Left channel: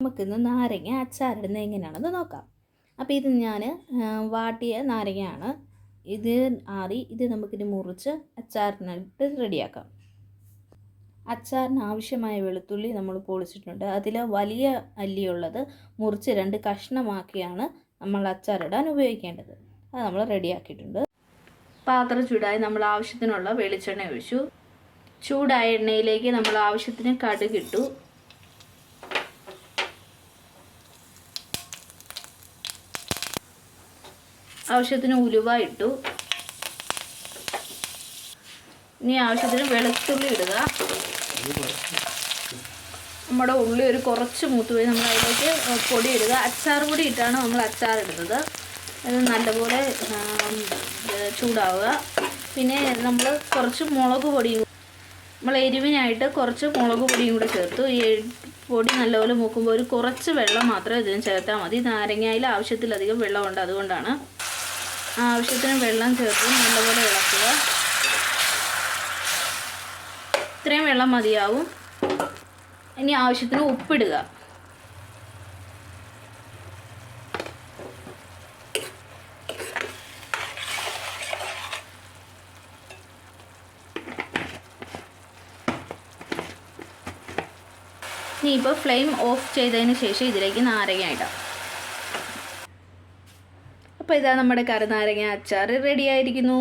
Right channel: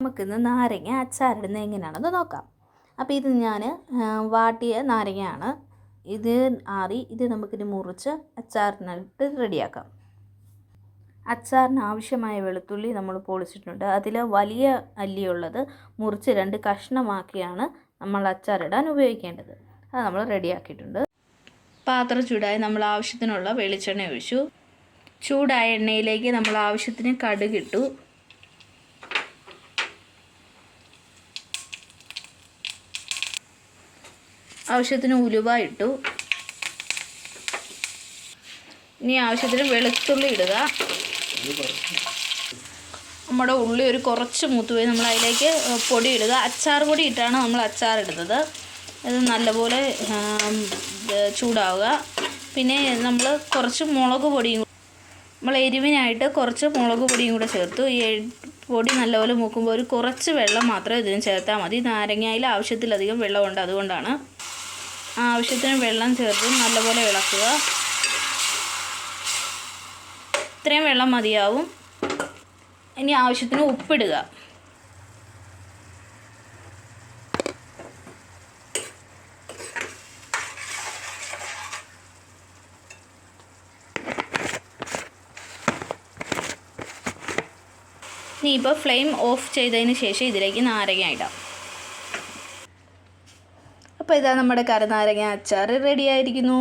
നമുക്കിന്ന് നാരങ്ങ അച്ചാറിടുന്നത് എങ്ങനെയാണെന്ന് നോക്കാം. അപ്പോൾ ഇത് ഞാൻ വാട്ടിയ നാരങ്ങയാണ്. ഇത് ഇത് നമുക്കിനി മുറിച്ച് അച്ചാറിനായിട്ട് റെഡിയാക്കാം. അച്ചാറിന് ആവശ്യമായ വെളുത്തുള്ളി നമ്മൾ പൊളിച്ചിട്ടുണ്ട്. അതിൽ വലിയ അല്ലിയുള്ളത് മുറിച്ച് 2 കഷ്ണമാക്കിയാണ് നമ്മൾ അച്ചാറിടാൻ ഉപയോഗിക്കേണ്ടത്. അത് നമ്മൾ റെഡിയാക്കിയിട്ടുണ്ട്. പാത്രം ചൂടായി നമ്മൾ ആവശ്യത്തിനുള്ള വെളിച്ചെണ്ണ ഒഴിച്ചു. ചൂടായ എണ്ണയിലേക്ക് നമ്മൾ ആവശ്യത്തിന് കടുകിട്ടു. ആവശ്യത്തിന് ഉലുവ ഇട്ടു. ഇനി ആവശ്യത്തിന് വെളുത്തുള്ളി ഇടുക. നമ്മുടെ ഉള്ളി കുറച്ച് മൂത്ത് പോയി നമ്മൾ അതിലേക്ക് പൊടി ഇടുക. അച്ചാർ പൊടി ഇട്ടാണ് നമ്മൾ അച്ചാർ ഇടുന്നത്. അത് നല്ലപോലെ ചൂടാവുക. പിന്നെ നമ്മൾ കുറച്ച് മുളക് പൊടിയും നമ്മൾ എരിവിനായിട്ട് കുറച്ച് മുളക് പൊടിയും കൂടെ ചേർത്തു. ഈ പൊടി നല്ലപോലെ മൂക്കുമ്പോൾ കുറച്ച് വെള്ളം മാത്രമേ ഇതിന് ചേർത്താൽ മതി. നാരങ്ങയിൽ ആവശ്യത്തിലധികം വെള്ളമുണ്ട്, അതുകൊണ്ടാണ്. ആവശ്യത്തിന് വെള്ളം ചേർത്ത് നല്ലപോലെ ഇളക്കുക. ഇത്രയും വെള്ളം മതിയാവും. ഇനി ആവശ്യത്തിന് ഉപ്പിടുക. ഇനി ഇപ്പോൾ ഫ്ലെയിം ഓഫ് ചെയ്തതിന് ശേഷം ഇതിലേക്ക് നാരങ്ങ ഇടാം. അപ്പോൾ ഇതാ നമ്മുടെ കറുനാരങ്ങ അച്ചാർ റെഡി ആയിരിക്കുന്നു.